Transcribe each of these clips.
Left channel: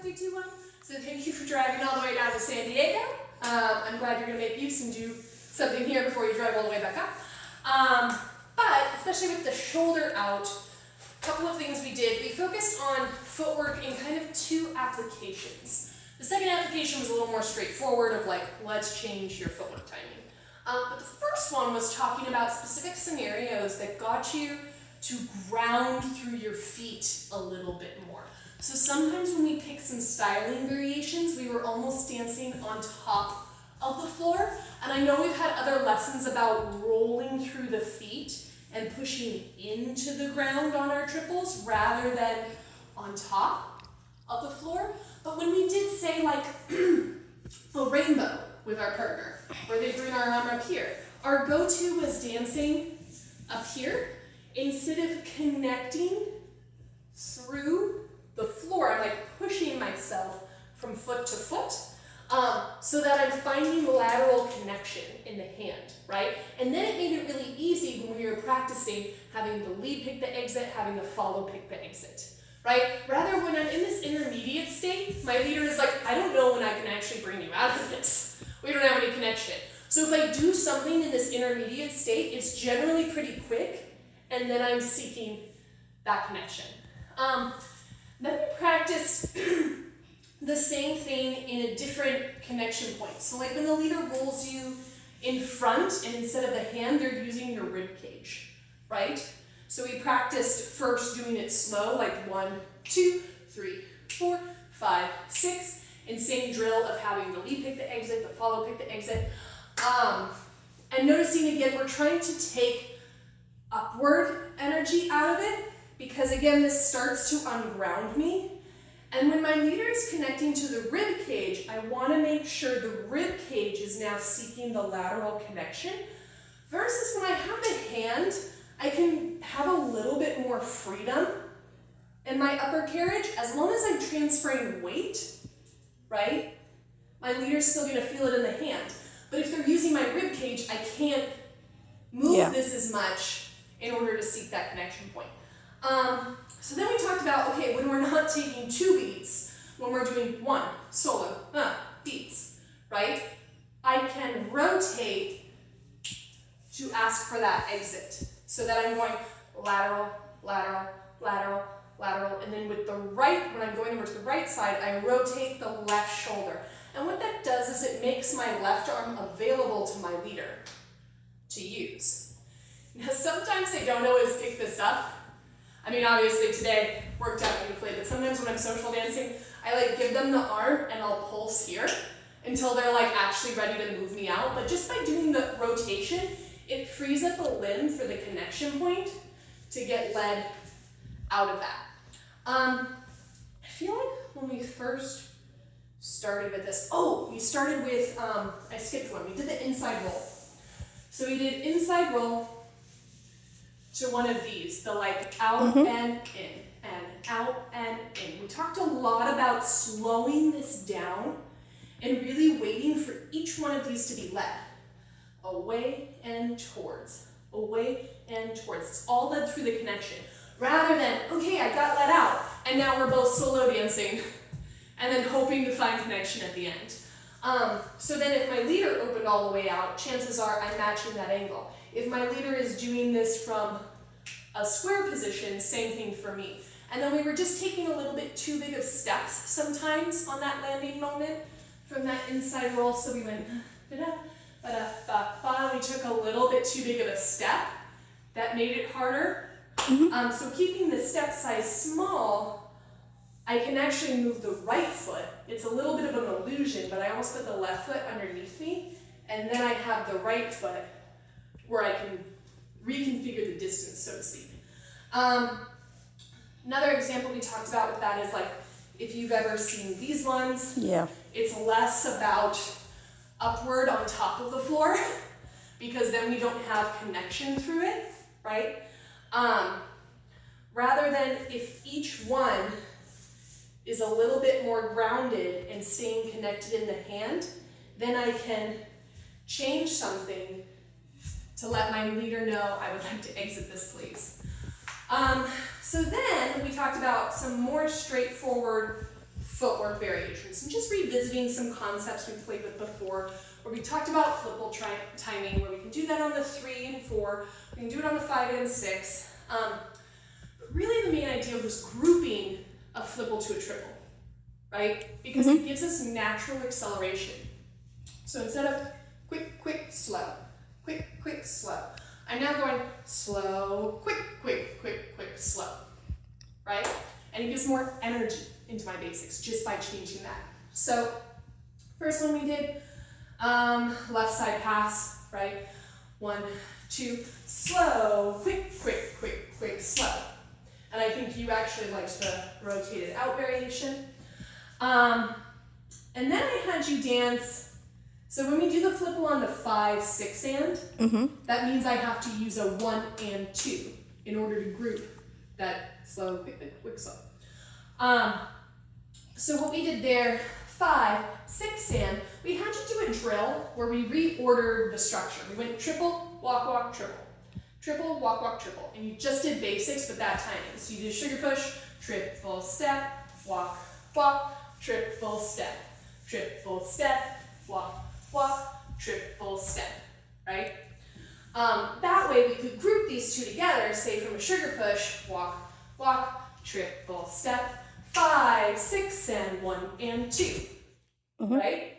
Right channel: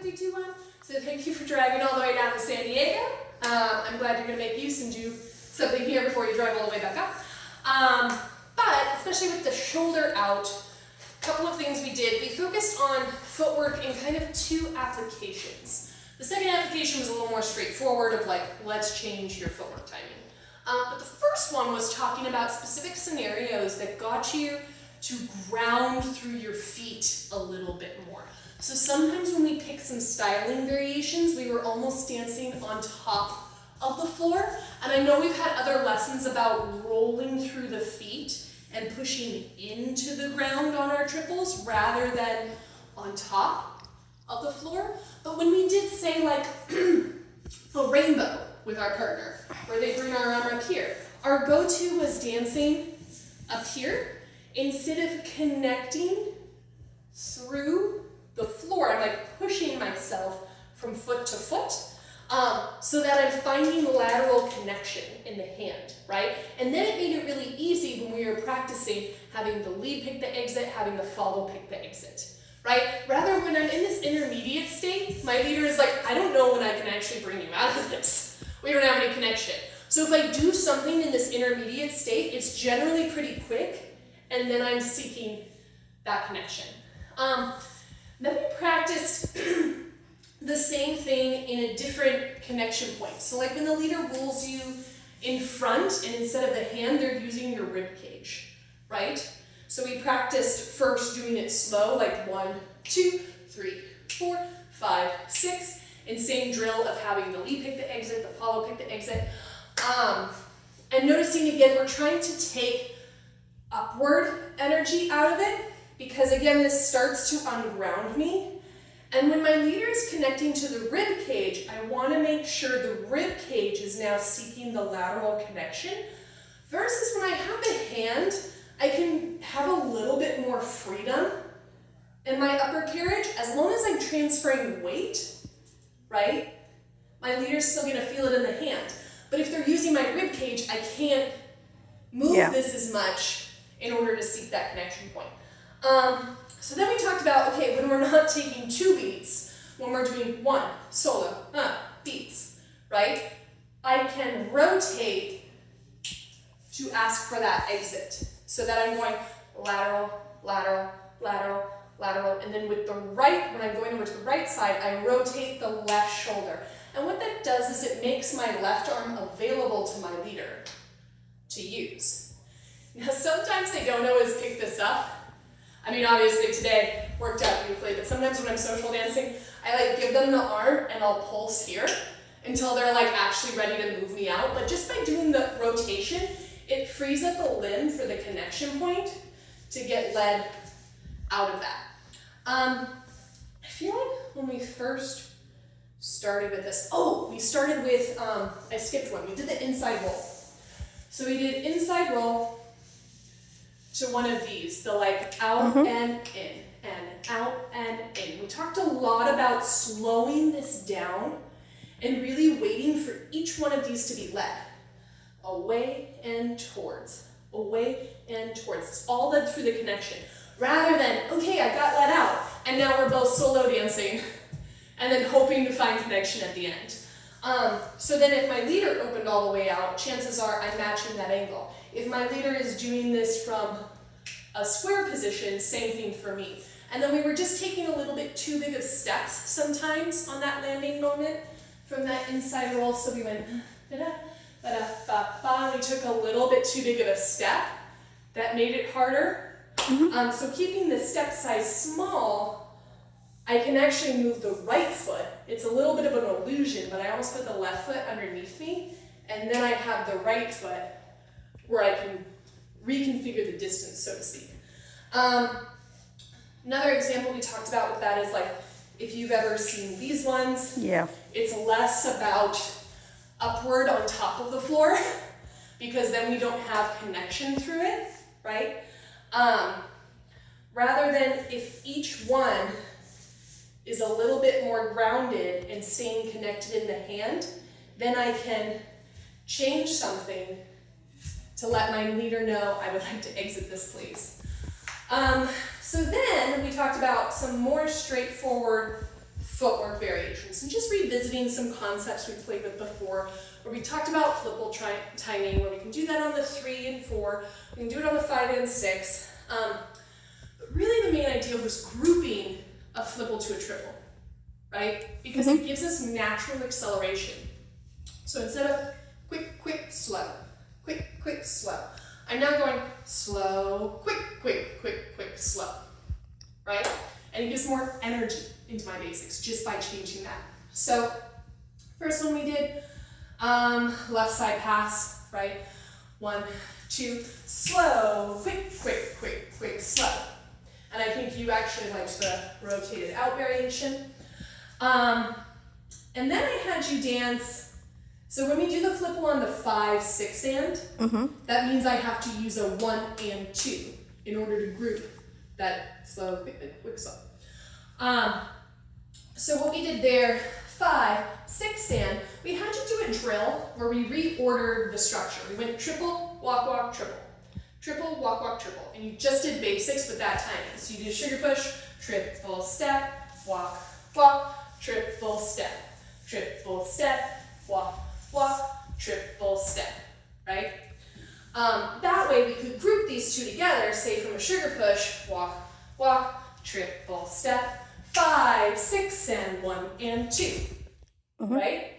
3, 2, 1. So thank you for driving all the way down to San Diego. I'm glad you're going to make use and do something here before you drive all the way back up. But especially with the shoulder out, a couple of things we did. We focused on footwork in kind of 2 applications. The second application was a little more straightforward of like, let's change your footwork timing. But the first one was talking about specific scenarios that got you to ground through your feet a little bit more. So sometimes when we picked some styling variations, we were almost dancing on top of the floor. And I know we've had other lessons about rolling through the feet and pushing into the ground on our triples rather than on top of the floor. But when we did say like a rainbow with our partner, where they bring our arm up here, our go-to was dancing up here instead of connecting through the floor. I'm like pushing myself from foot to foot so that I'm finding the lateral connection in the hand, right? And then it made it really easy when we were practicing having the lead pick the exit, having the follow pick the exit, right? Rather, when I'm in this intermediate state, my leader is like, I don't know when I can actually bring you out of this. We don't have any connection. So if I do something in this intermediate state, it's generally pretty quick, and then I'm seeking that connection. Then we practiced the same thing in a different connection point. So like when the leader rolls you in front, and instead of the hand, they're using your rib cage, right? So we practiced first doing it slow, like 1, 2, 3, 4, 5, 6, and same drill of having the lead pick the exit, the follow pick the exit. And noticing again, we're trying to take upward energy out of it, because again, this starts to unground me. And when my leader is connecting to the rib cage, I want to make sure the rib cage is now seeking the lateral connection. Versus when I have the hand, I can have a little bit more freedom in my upper carriage as long as I'm transferring weight, right? My leader's still going to feel it in the hand. But if they're using my rib cage, I can't move this as much in order to seek that connection point. So then we talked about, okay, when we're not taking 2 beats, when we're doing 1 solo beats, right? I can rotate to ask for that exit so that I'm going lateral, lateral, lateral, lateral, and then with the right, when I'm going over to the right side, I rotate the left shoulder. And what that does is it makes my left arm available to my leader to use. Now sometimes they don't always pick this up. I mean, obviously today worked out beautifully, but sometimes when I'm social dancing, I like give them the arm and I'll pulse here until they're like actually ready to move me out. But just by doing the rotation, it frees up a limb for the connection point to get led out of that. I feel like when we first started with this, we started with, I skipped one, we did the inside roll. So we did inside roll to one of these, the like out and in, and out and in. We talked a lot about slowing this down and really waiting for each one of these to be led. Away and towards, away and towards. It's all led through the connection. Rather than, okay, I got let out, and now we're both solo dancing, and then hoping to find connection at the end. So then if my leader opened all the way out, chances are I'm matching that angle. If my leader is doing this from a square position, same thing for me. And then we were just taking a little bit too big of steps sometimes on that landing moment from that inside roll. So we went da-da, ba-da, ba-ba. We took a little bit too big of a step. That made it harder. So keeping the step size small, I can actually move the right foot. It's a little bit of an illusion, but I almost put the left foot underneath me, and then I have the right foot where I can reconfigure the distance, so to speak. Another example we talked about with that is like, if you've ever seen these ones, it's less about upward on top of the floor, because then we don't have connection through it, right? Rather than if each one is a little bit more grounded and staying connected in the hand, then I can change something to let my leader know I would like to exit this, please. So then we talked about some more straightforward footwork variations and just revisiting some concepts we played with before, where we talked about flipple timing, where we can do that on the 3 and 4, we can do it on the 5 and 6. But really the main idea was grouping a flipple to a triple, right? Because it gives us natural acceleration. So instead of quick, quick, slow, quick, quick, slow, I'm now going slow, quick, quick, quick, quick, slow, right? And it gives more energy into my basics just by changing that. So first one we did, left side pass, right? 1, 2, slow, quick, quick, quick, quick, slow. And I think you actually liked the rotated out variation. And then I had you dance. So when we do the flipple on the 5, 6 and, that means I have to use a 1 and 2 in order to group that slow, quick, quick, quick, slow. So what we did there, 5, 6 and, we had to do a drill where we reordered the structure. We went triple, walk, walk, triple. Triple, walk, walk, triple. And you just did basics with that timing. So you did a sugar push, triple step, walk, walk, triple step, walk, walk, triple step, right? That way we could group these two together, say from a sugar push, walk, walk, triple step, 5, 6 and 1 and 2, right?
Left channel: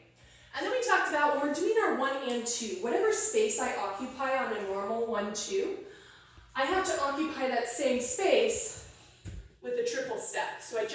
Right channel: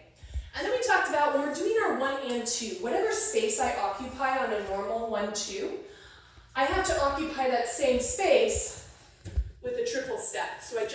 And then we talked about when we're doing our 1 and 2, whatever space I occupy on a normal 1, 2, I have to occupy that same space with a triple step. So I